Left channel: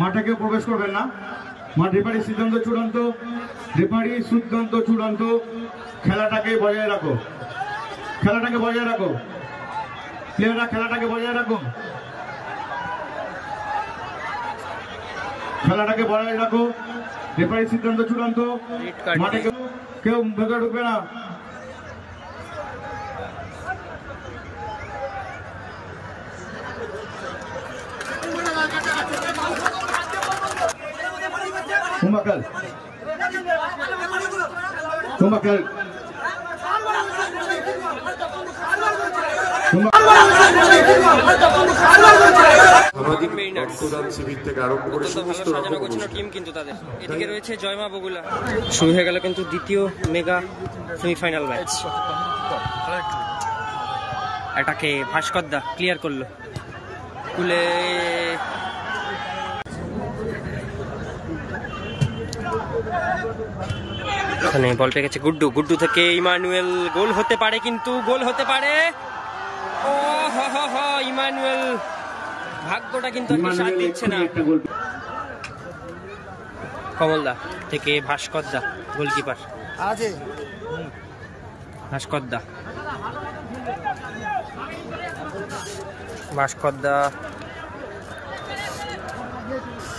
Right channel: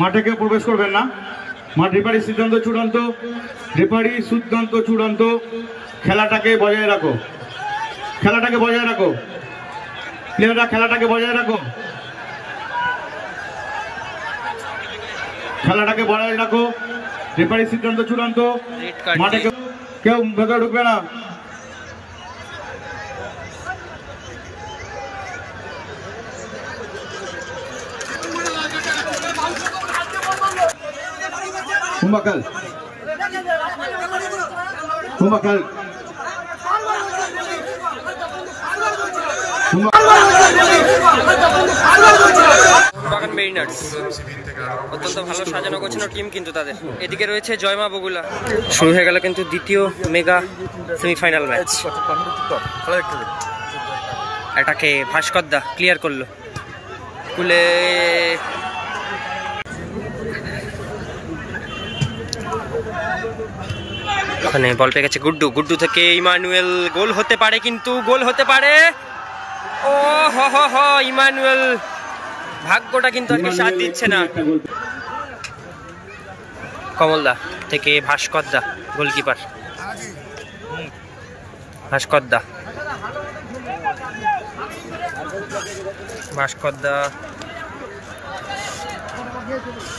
মাঠে কেউ প্রবেশ করবেন না। মাঠ রেফারির সিদ্ধান্ত চূড়ান্ত, রেফারির সিদ্ধান্ত চূড়ান্ত। খেলাটাকে বজায় রাখো, খেলাটাকে বজায় রাখো, প্লেয়াররা খেলাটাকে বজায় রাখো, খেলাটাকে বজায় রাখো। রেফারির সিদ্ধান্ত চূড়ান্ত, মাঠে কেউ ভেতরে ঢুকবে না। Humakal. Humakal. বাগান মেরিনার্স অত্যন্ত ভালো সাজানো গোছানো টিম কিন্তু তাদের। এদিকে রয়েছে জয়মা বগুলা। শুরু হয়ে গেল কিন্তু দ্বিতীয় মেগা সেমিফাইনাল ম্যাচ। এটাকে ভাস্করদা ক্লিয়ার করলো, কুলে ওখানে বল পেয়ে গেছে গুড্ডু। গুড্ডু থেকে ইমানুয়েল, গোল হতে পারে কিন্তু, গোল হতে পারে। ও হ হ হ, ইমানুয়েল ভাগ্যটা কিন্তু আজকে সাথ দিচ্ছে না। কমলদা থেকে ভাস্করদা, গোলকিপার ভাস্করদা। ভাস্করদা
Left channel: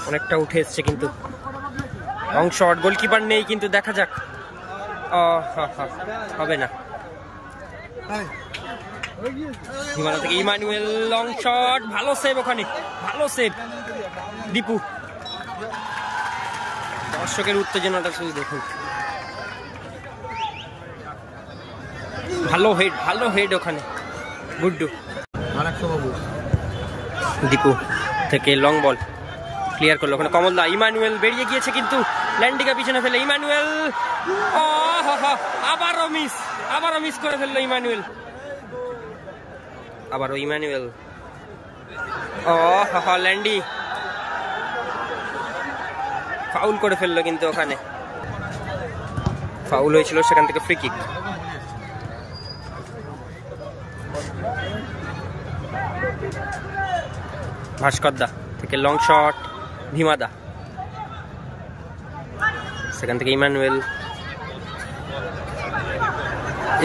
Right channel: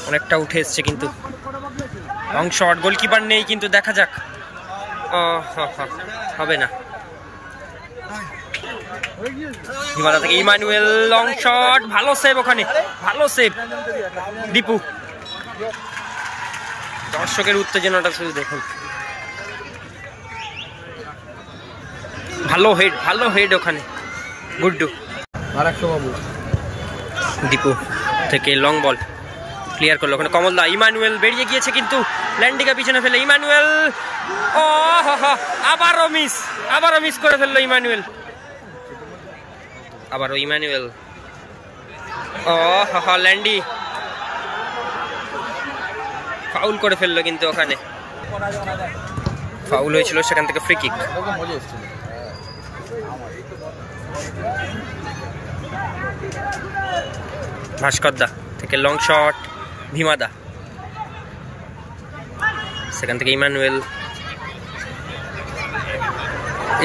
অনেকটা উঠে এসছে কিন্তু লং শট, গোলকিপার নেই কিন্তু দেখা যাক। হবে না। হিমালয় থেকে ইমানুয়েল, লং শট, ভালো সেভ ওখানে, ভালো সেভ দীপু। দর্শকের উত্তেজনাটা শুধু দেখুন। ভালো হেড, ভালো হেড ওখানে গুড্ডু। দীপু থেকে লং বল ক্লিয়ার করলো ওখানে কমলদা। ইমানুয়েল বেরিয়ে গিয়েছে কিন্তু ল্যান্ডিকা পিছনে ফেলে ইমানুয়েল। ও আবারও মিস, আবারও মিস করে ফেললো ইমানুয়েল। আবারও ইমানুয়েল। ও ল্যান্ডি ফাউল করে ফেললো কিন্তু ওখানে ফাউল হয়েছিল, সেখান থেকে ফ্রি কিক। ভাস্করদা থেকে লং শট, ভীমাদা, সেখান থেকে ইমানুয়েল।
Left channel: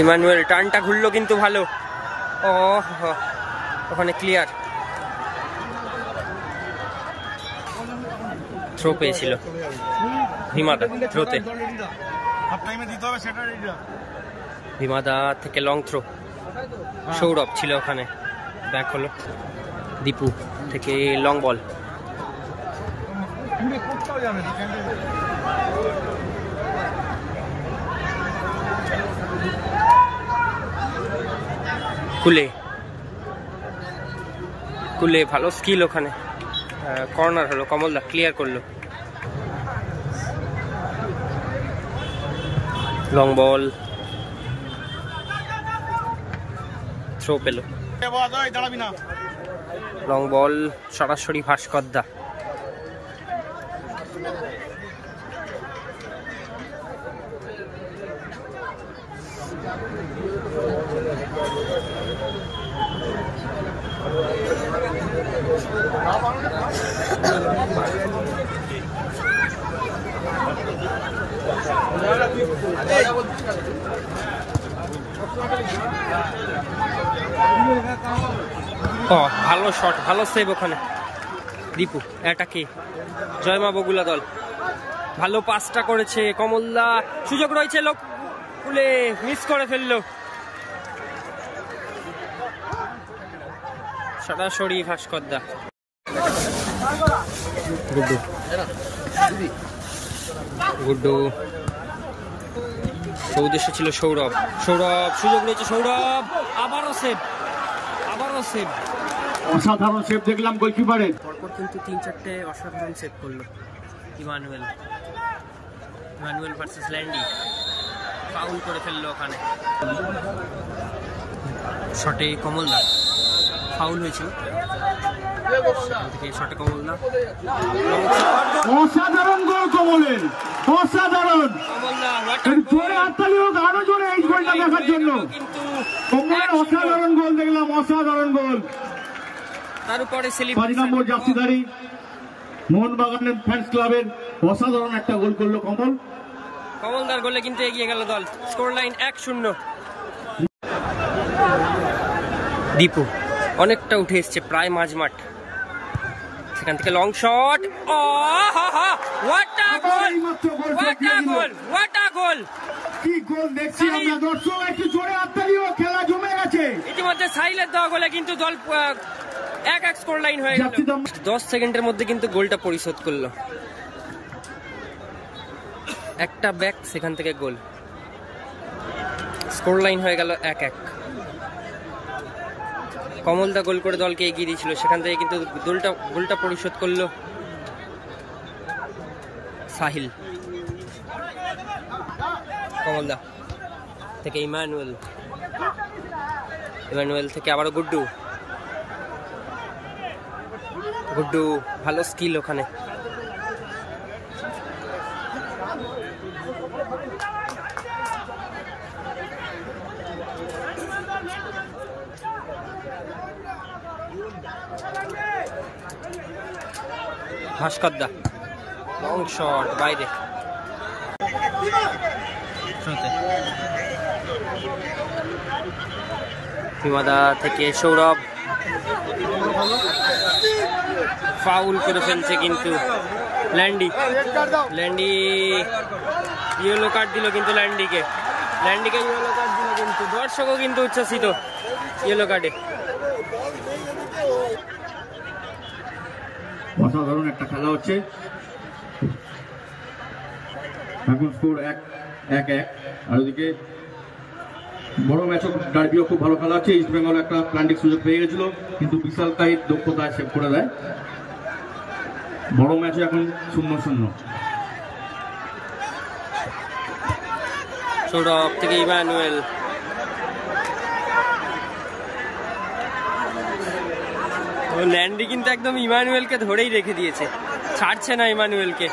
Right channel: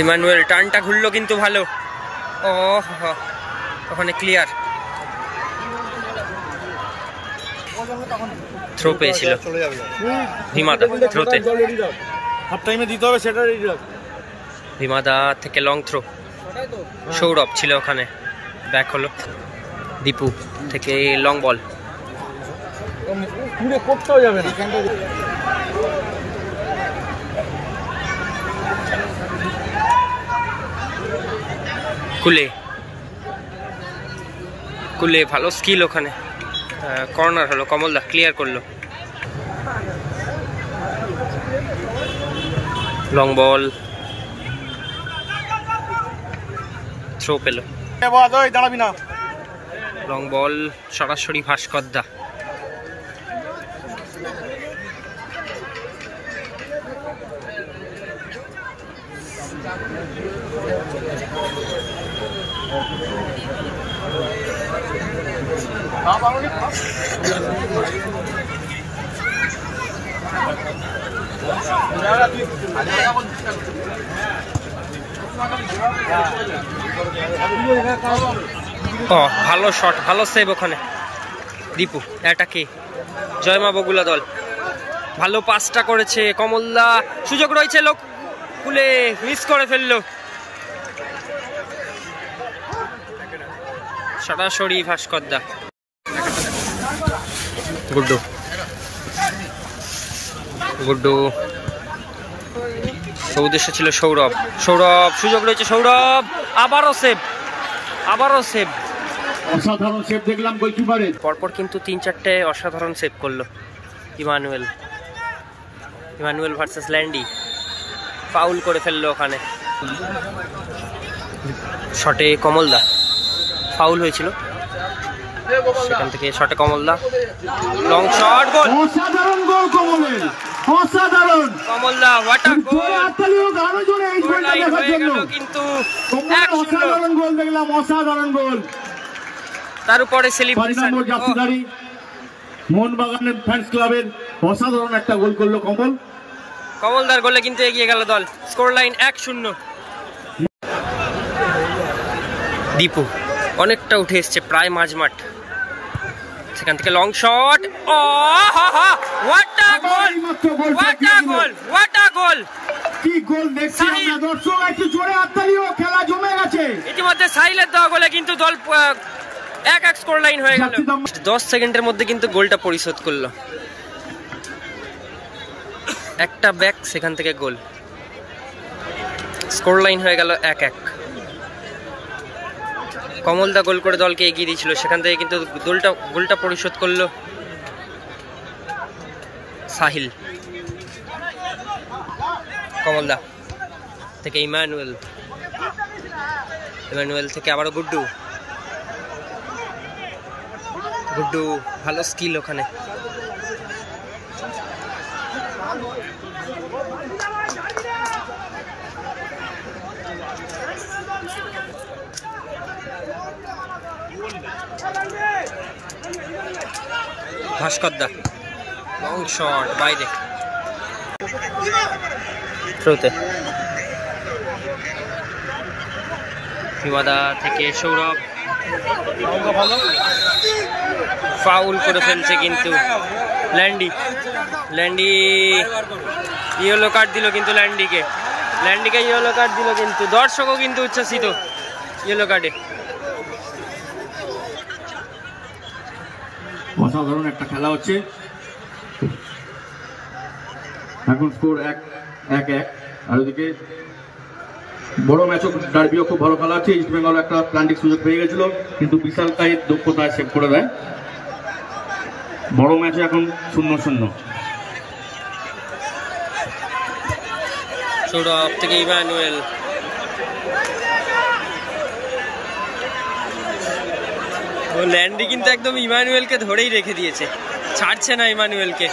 ইমানুয়েল টানটা ঘুরলো কিন্তু ভালো। ও ওখানে ক্লিয়ার, থ্রো পেয়েছিল ভীমাদা, থ্রোতে ভীমাদা থেকে লং থ্রো, সৌরভ ছিল ওখানে, ব্যাক হলো। দীপু থেকে লং বল, কুলে, কুলে ভালো স্কিল ওখানে। কর্নার হলো, কমলদা ক্লিয়ার করলো। লং বল, থ্রো পেল। লং বল সরাসরি ভাস্করদা। ভালো শট, ভালো সেভ ওখানে দীপু। এটাকে জয়মা বগুলা দল ভালো পাসটা করেছে। কমলদা, সুযোগ রয়েছে, লোক কুলে মিস করে ফেললো। সরাসরি ভাস্করদা। গুড্ডু, গুড্ডু উদ্দেশ্য ছিল সৌরভ। সৌরভ, সুযোগ রয়েছে, সৌরভ আবারও সেভ, আবারও সেভ। অসাধারণ সেভ দেখলাম গোলকিপারের। পরপর কিন্তু 3-4টে অসাধারণ সেভ করলো ইমানুয়েল। ইমানুয়েল ভার্সেস ল্যান্ডি, ফাউল করে ফেললো ওখানে। শটে কমলদা ফাউল হয়েছিল, সেখান থেকে শটে কমলদা, লং শট, গোল। অসাধারণ গোল কমলের, অসাধারণ। কমলদা ওয়াটার গোল, আরো জোরে এই গোলটা দেখার জন্য কিন্তু অসাধারণ গোল দেখলাম, অসাধারণ গোল। তার উপরে সেলিব্রেশন। মোহনবাগানের ফ্যান্স ক্লাবের অসাধারণ একটা গোল করলো কমল। কমলদার গোলে কিন্তু এগিয়ে গেল দল, স্কোর লাইন 1-0। দীপু অনেকটা উঠে এসছে, প্রায় মাঝমাঠ, সেখান থেকে লং শট। ও হা হা, what a goal, what a goal, what a goal! কি গোল দেখছি আমরা দর্শক, একটু জোরে হাততালিও, খেলা জমে গেছে। ইতিমধ্যে সাহিলের দেওয়া গোলে কিন্তু দল 1-1 স্কোর লাইন হয়ে গেল। 10 সেকেন্ডের মধ্যে কিন্তু গোলটা পরিশোধ করলো, একটা ব্যাক, সেখান থেকে গোল, স্কোর লাইন হয়ে গেল 1-1। কমলদা গোল করে দলকে এগিয়ে দিয়েছিল, সেখান থেকে কিন্তু গোলটা পরিশোধ করলো সাহিল। কমলদা থেকে ইমানুয়েল, ইমানুয়েল থেকে আবারও গুড্ডু, গুড্ডু ভালো স্কিল ওখানে। ভাস্করদা লং শট বাইরে, থ্রুতে হিমাদা থেকে সৌরভ, ফাউল করে ফেলছে কিন্তু ল্যান্ডি, ল্যান্ডি ইয়েলো কার্ড দিল কিন্তু ল্যান্ডিকে ইয়েলো কার্ড দিল কিন্তু দর্শকও কিন্তু উচ্ছ্বসিত ইয়েলো কার্ডে। অসাধারণ একটা খেলা হচ্ছে, এখন স্কোর 1-1। আর ওদিকে বড় ম্যাচও, ডার্বিও খুব ভালো খেলা হচ্ছে। ইস্ট বেঙ্গল একটা প্লান্টিক সুযোগ পেয়ে গেছিল, কিন্তু বিশাল তাই দক্ষতায় সেভ করে দেয়। বড় ম্যাচে এখন 0-0। সৌরভ থেকে ইমানুয়েল, ও ল্যান্ডি কিন্তু একদম ইমানুয়েলকে ধরেই রেখে দিয়েছে, ছাড়ছে না ইমানুয়েলকে।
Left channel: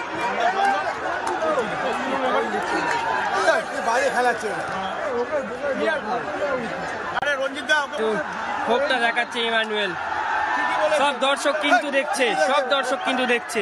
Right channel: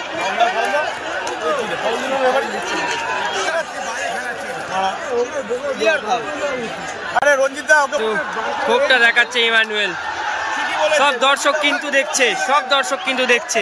ক্ষোভটা দেখাচ্ছে ইমানুয়েল, সব দর্শক কিন্তু দেখছে, সব দর্শক কিন্তু দেখছে।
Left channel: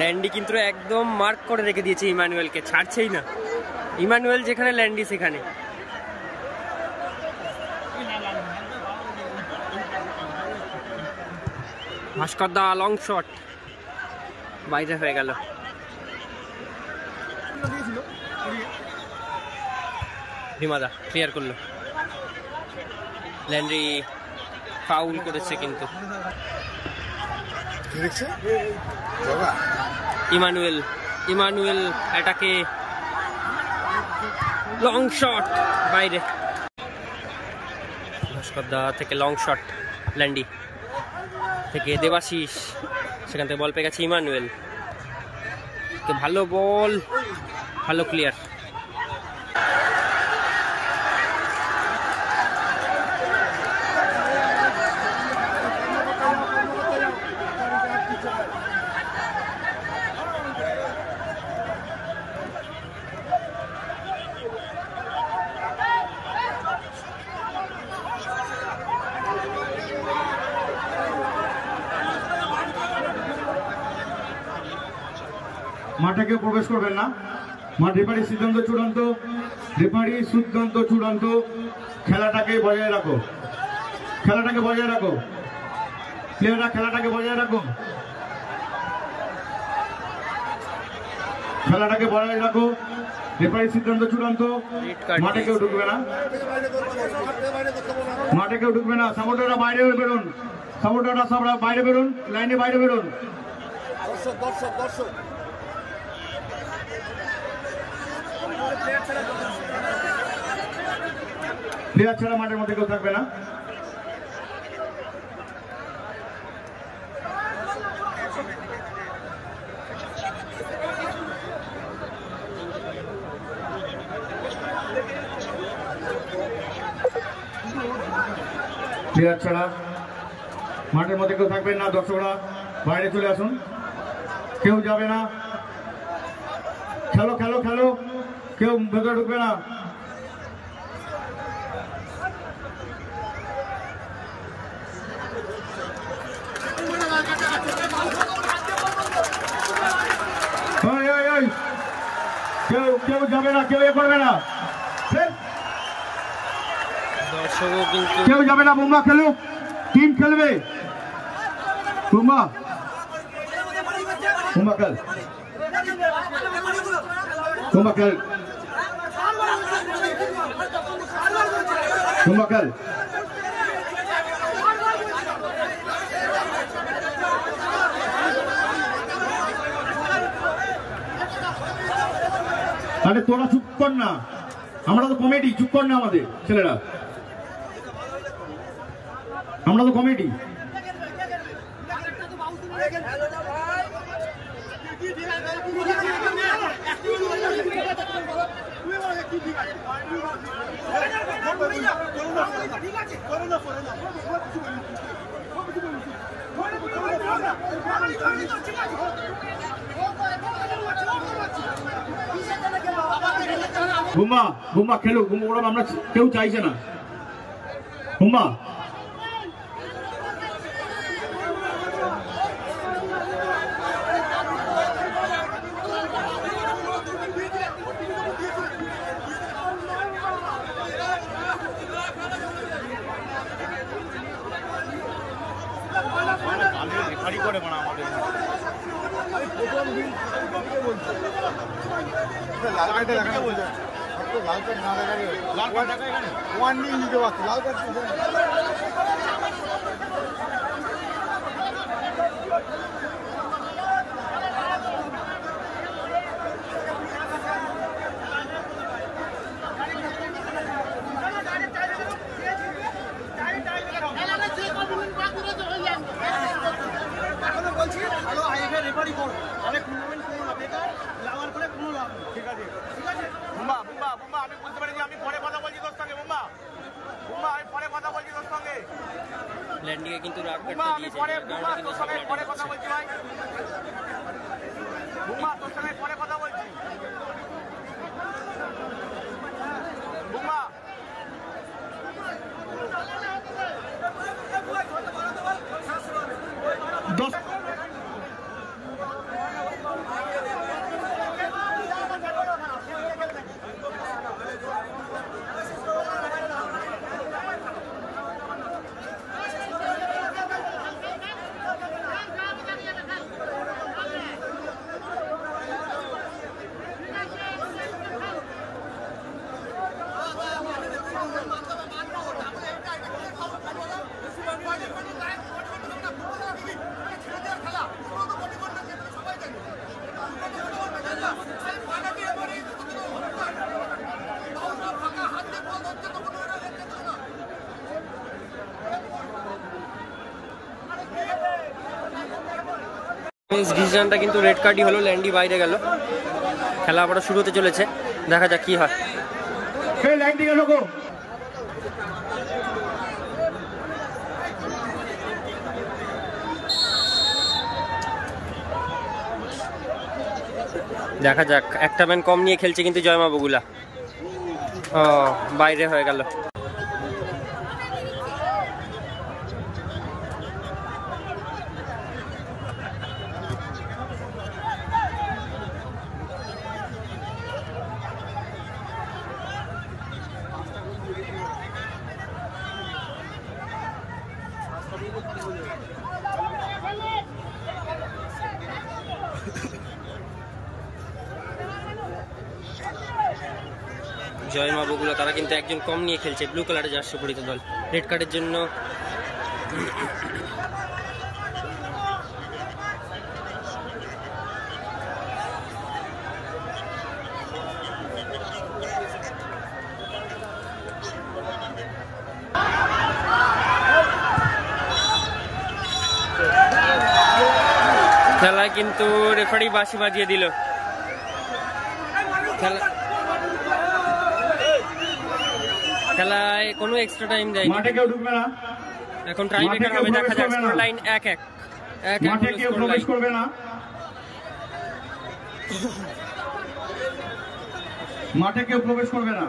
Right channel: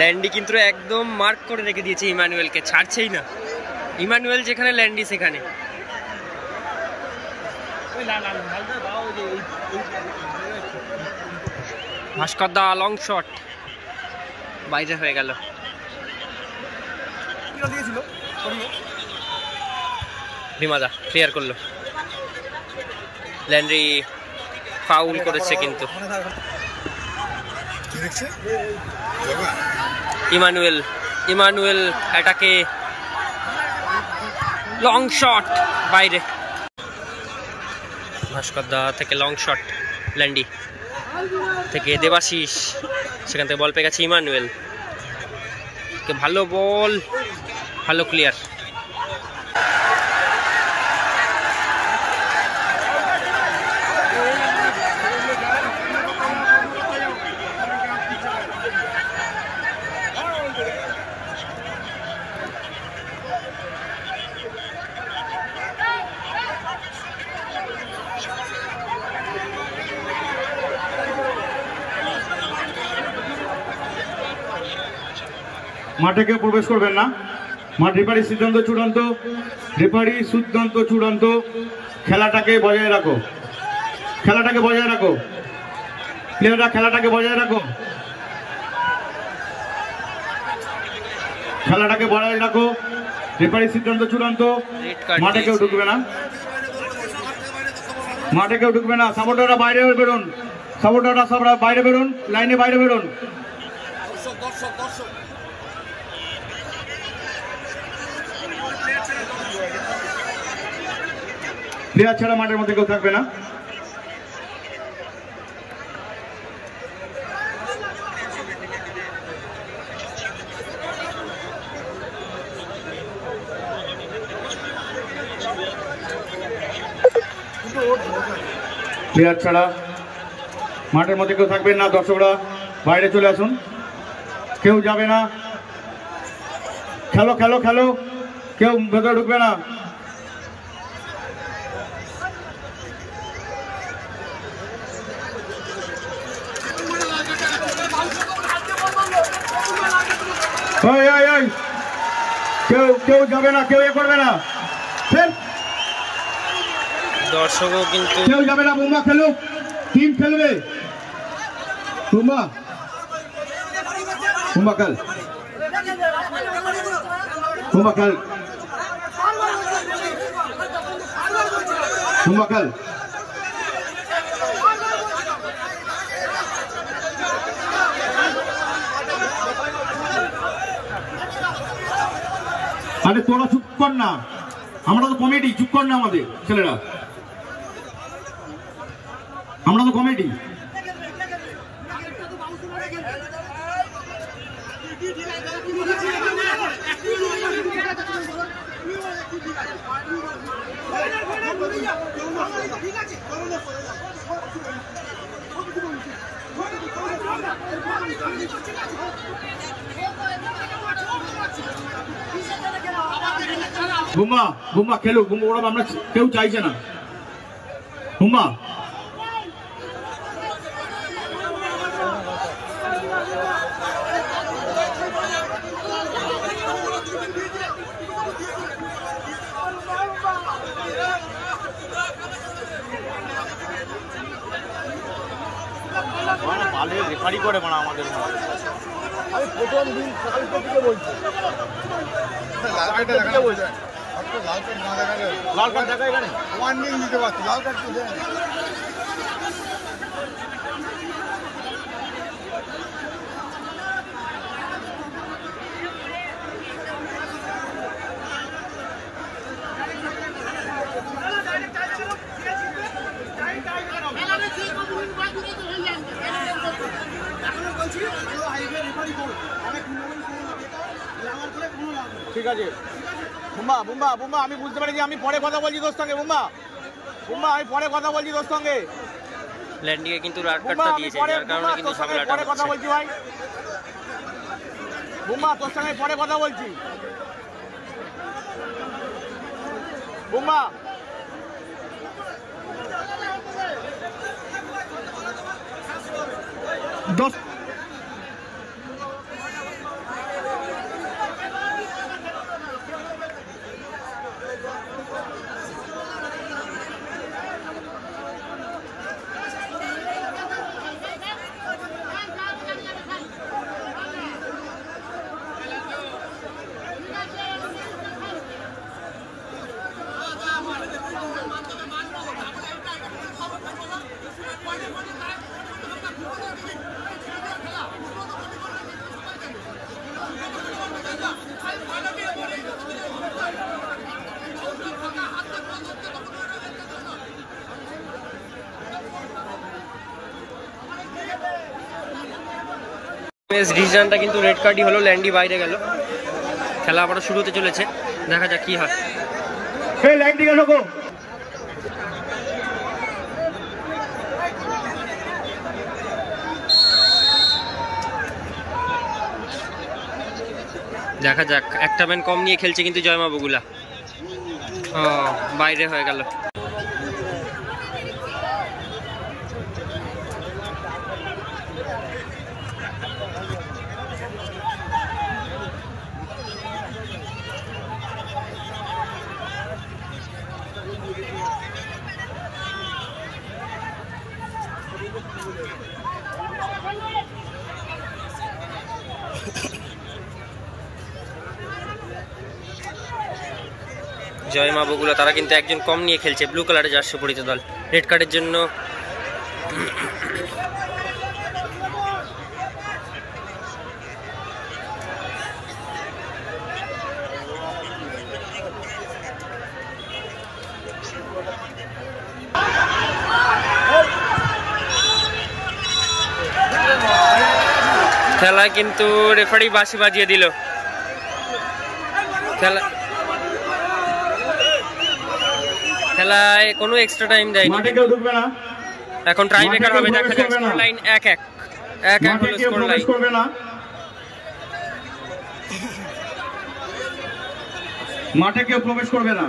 ল্যান্ডি কিন্তু একদম মার্ক করে রেখে দিয়েছে ইমানুয়েলকে, ছাড়ছেই না। ইমানুয়েল যেখানে ল্যান্ডি সেখানে। ভাস্করদা লং শট বাইরে হয়ে গেল। ভীমাদা ক্লিয়ার করলো, ল্যান্ডি ফাউল করেছে কিন্তু। ইমানুয়েল অ্যাটাকে, লং শট বাইরে। ভাস্করদা থেকে লং শট, ল্যান্ডি থেকে দেবাশিস, সেখান থেকে বল পেয়ে গেছে ইমানুয়েল, ভালো বল, ভালো ক্লিয়ার। মাঠে কেউ প্রবেশ করবেন না। মাঠ রেফারি সিদ্ধান্ত চূড়ান্ত, রেফারি সিদ্ধান্ত চূড়ান্ত। খেলাটাকে বজায় রাখো, খেলাটাকে বজায় রাখো, প্লেয়াররা খেলাটাকে বজায় রাখো, খেলাটাকে বজায় রাখো। রেফারি সিদ্ধান্ত চূড়ান্ত, মাঠে কেউ ঢুকবে না, মাঠে কেউ ঢুকবে না। সাপোর্টাররা বাইরে বেরোন, সাপোর্টাররা সব বাইরে বেরোন, লাইনে বাইরে বেরোন। প্লেয়ার ছাড়া মাঠের মধ্যে কেউ থাকবে না। প্লেয়ার ছাড়া মাঠের মধ্যে কেউ থাকবেন না, দর্শকরা বাইরে চলে আসুন, কেউ যাবে না, খেলো খেলো খেলো, কেউ ভেতরে ঢুকবে না। কেউ যাবে না, কেউ এ করবে না, দর্শকও কিন্তু কেউ যাবে না। বুম্বা খেলুক, টিম খেলবে। বুম্বা বুম্বা খেল, বুম্বা খেল, বুম্বা খেল। আরে তোরা চুপ কর না, আমরা তো কমেডি, চুপ কর না আমাদের ছেলেরা, আমরা তো কমেডি। বুম্বা বুম্বা খেলুক, বুম্বা ওরা আমরা কেউ চাইছে না। বুম্বা করে মানা আমাদের লাল কার্ডটা দেখানো বলছে, লাল কার্ড না দেখালে লাল কার্ড ওয়ার্নিং দিতে পারছি, লাল কার্ড ঠিক আছে। বুম্বা বুম্বা বুম্বা আমি বুঝতে পারি, আমি পরে কথা বলছি তোর সঙ্গে। বুম্বা বুম্বা আমি পরে কথা বলছি তোর সঙ্গে। ল্যান্ডিকে কিন্তু রাড কাটটা দিয়েছে, যার কারণে কিন্তু ঝামেলাটা হচ্ছে। কথা বলছি ভাই, বুম্বা তোর সঙ্গে পরে কথা বলছি। বুম্বা দশ ডিসিশনটা কিন্তু রেড কার্ডই হলো, ল্যান্ডি বাইরে গেল। খেলা আবার শুরু হতে চলেছে, দেখা যাক কি হয়। দেখা যাক, একটা ম্যান কম নিয়ে খেলছে কিন্তু জয়মা বগুলা। ও বাইরে হয়ে গেল। জয়মা বগুলা তারা কিন্তু একজন কম নিয়ে খেলছে, ব্লু কালারের জার্সি পরিচিত দল। রেড কার্ডের জন্য খেলায় কিন্তু রেফারি বাঁশি বাজিয়ে দিল। খেলা খেলায় কোনো এক্সট্রা টাইম দেয়নি, মাঠে কেউ ঢুকবে না, এখন ট্রাই মেকার হবে, দেখা যাক স্কোর লাইন 1-1 মাঠে হলো কেউ স্কোর প্রবেশ লাইন। করবে না, মাঠে কেউ প্রবেশ করবে না।